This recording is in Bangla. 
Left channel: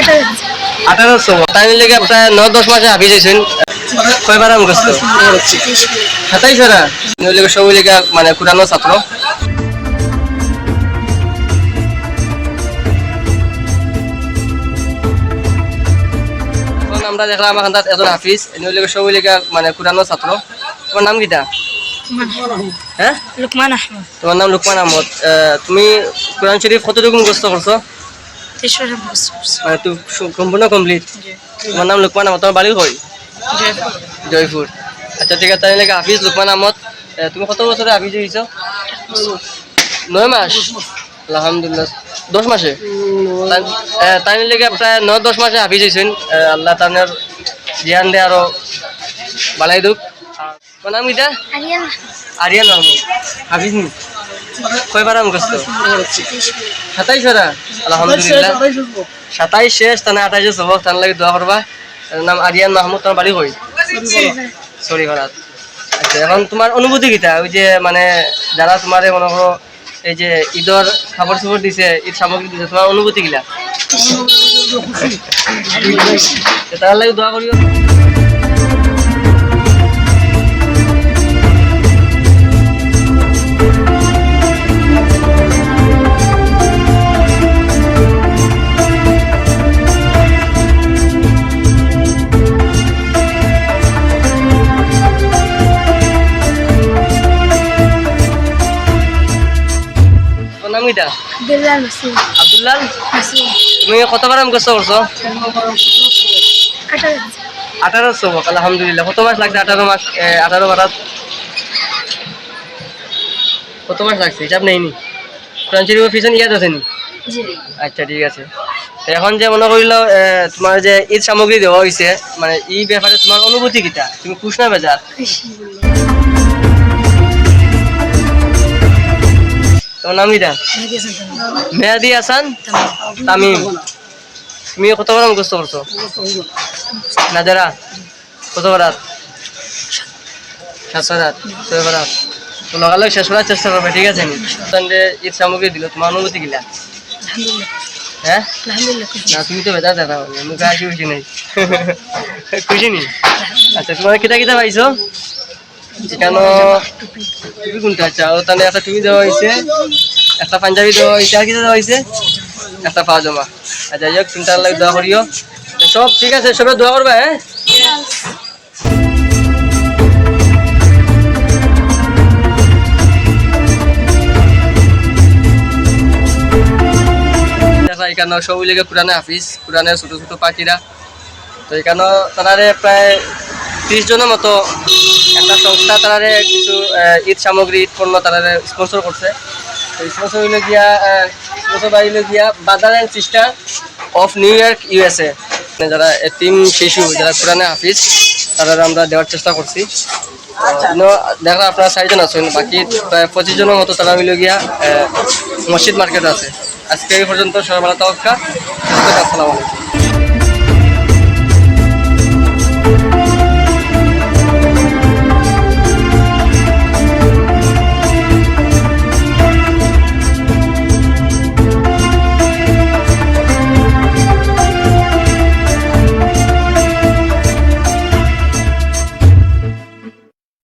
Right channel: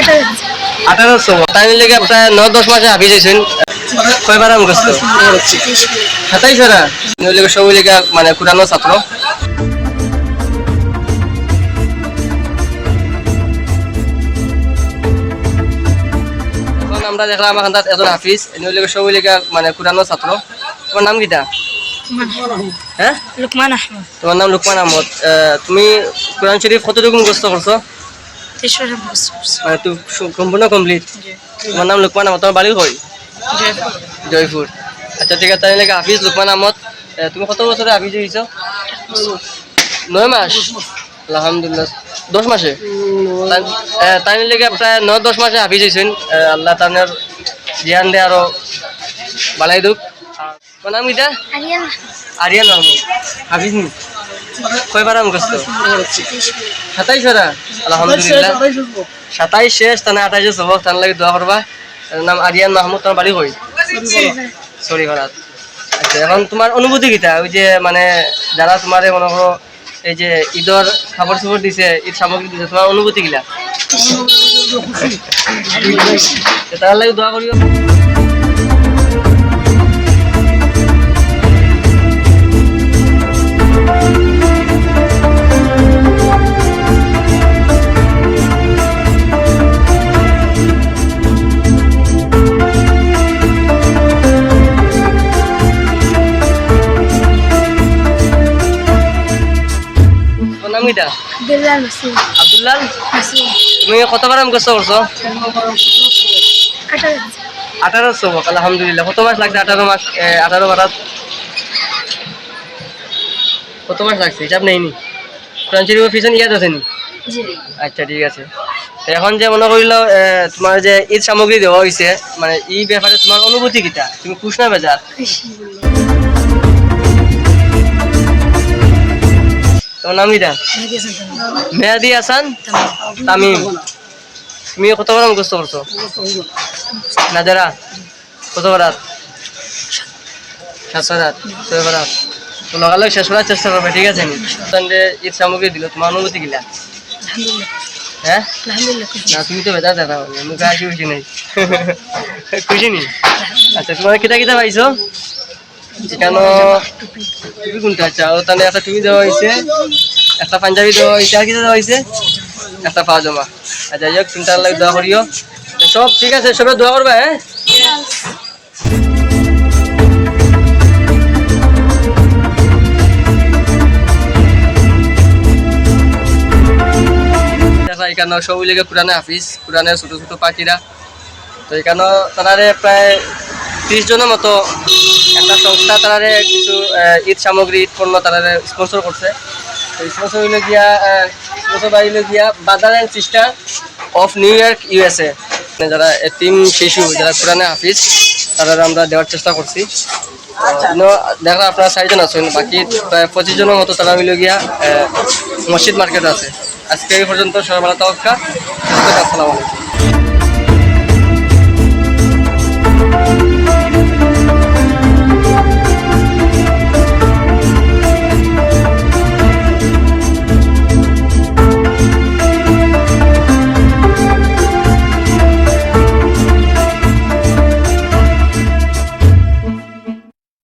1800 তাই লেগে প্রায় 9-10 মাসে হাফিজ হয়েছেন কয়বার মুখস্থ 27 বার নইলে সবই লেগে মানে কুরানো ছাত্র এখন আমরা দেখলাম আমার কাছে একজন হাফিজ নইলে সবই লেগে মানে কুরানো ছাত্র তোমার নাম কিটা হ্যাঁ লুকমান আহমদ তোমার নাম লুকমান আহমদ তুমি কোরআন শরীফ কতটুকু মুখস্থ করছো মানে তুমি সম্পূর্ণ কমপ্লিট তোমার নাম লুকমান আহমদ তোমার বাড়ি কই জয়পুর আচ্ছা ঠিক আছে তাই লাগে হাফিজ লুকমান আহমদ তুমি কত বছরে হাফিজ হয়েছো 9 মাস আলহামদুলিল্লাহ 10 মাসে তাই লেগে প্রায় 9-10 মাসে হাফিজ হয়েছেন আল্লাহ তাদের জ্ঞান দিয়ে আরো বালাই দুক তোমার নাম কিটা আরিয়ান মাহমুদ হাফিজ নি কয়বার মুখস্থ 27 বার আলহামদুলিল্লাহ 27 শেষ তানে 28 সবক তার লাগে দোয়া করবা নাম আরিয়ান মাহমুদ তোমার বাড়ি কই সরি ঘরাত আচ্ছা এখন তোমার অনুভূতি কিটা ওই যে মানে যারা তোমারে মনে করো এই যে ঈদের খাবার সাবার দিছে ঈদ সামগ্রী দিছে তোমার অনুভূতি কিলা তার লাগে দোয়া করিও নাম কিটা আব্দুল্লাহ তুমি কতবার মুখস্থ করছো 1800 আলহামদুলিল্লাহ কত মাস লাগছে 18 মাস 18 বারাত কত মাস লাগছে হিসাব নেইনি কোরআন শরীফের পিছনে ইয়াদ আছে নি আচ্ছা ঠিক আছে এখন যে মনে করিল তোমার যে ঈদ সামগ্রী দেওয়া হয়েছে মানে এই ব্যাপারে তোমার অনুভূতি কিটা তুমি খুশ না বেজার তোমার নাম কিটা মেহাদি হাসান তামিম তুমি কতবার মুখস্থ করছো নাজারা কত বারাত 7 বারাত 6 বারাত তো লগালগ শেষ করার চেষ্টা করবে ঠিক আছে নি ঈদ সামগ্রী দিল তোমার অনুভূতি কিলা হ্যাঁ না তুমি তো বেজার দেখা মুখে হাসি খুশি নেই খুশি নি আচ্ছা তোমার কিটা কিটা পাইছো এখানে টুপি কোনটা আচ্ছা ওখানে একটা টুপি দেওয়া হয়েছে একটা পাঞ্জাবি দেওয়া হয়েছে আর কি দেওয়া হয়েছে একটা পাজামা আচ্ছা যাই হোক চিন্তা লাগে দোয়া করিও সব ঠিক আছে সবাই দোয়া করবে হ্যাঁ এখানে সবই লেগে কোরআনে হাফিজ কোরআনের ছোটো ছোটো পাখিরা তো এখানে তারারে প্রায় 30 জনের মতো একটা সংস্থা তারারে কিছু ঈদ সামগ্রী ঈদ পণ্য তারারে স্পন্সর করছে তো স্পন্সর হইল গিয়া স্পন্সর বাড়িল গিয়া brother and sister of new York USA যারা এতিম শিশু যারা কোরআনে হাফিজ তারা আমরা দেওয়ার চেষ্টা করছি দেখা আপনারা 4 জন আছেন বাকি প্রায় 25 জনের মতো তারা মিলে গিয়া মসজিদ মার্কেট আছে আজকে এই পর্যন্ত সবাই ভালো থাকুন আসসালামু আলাইকুম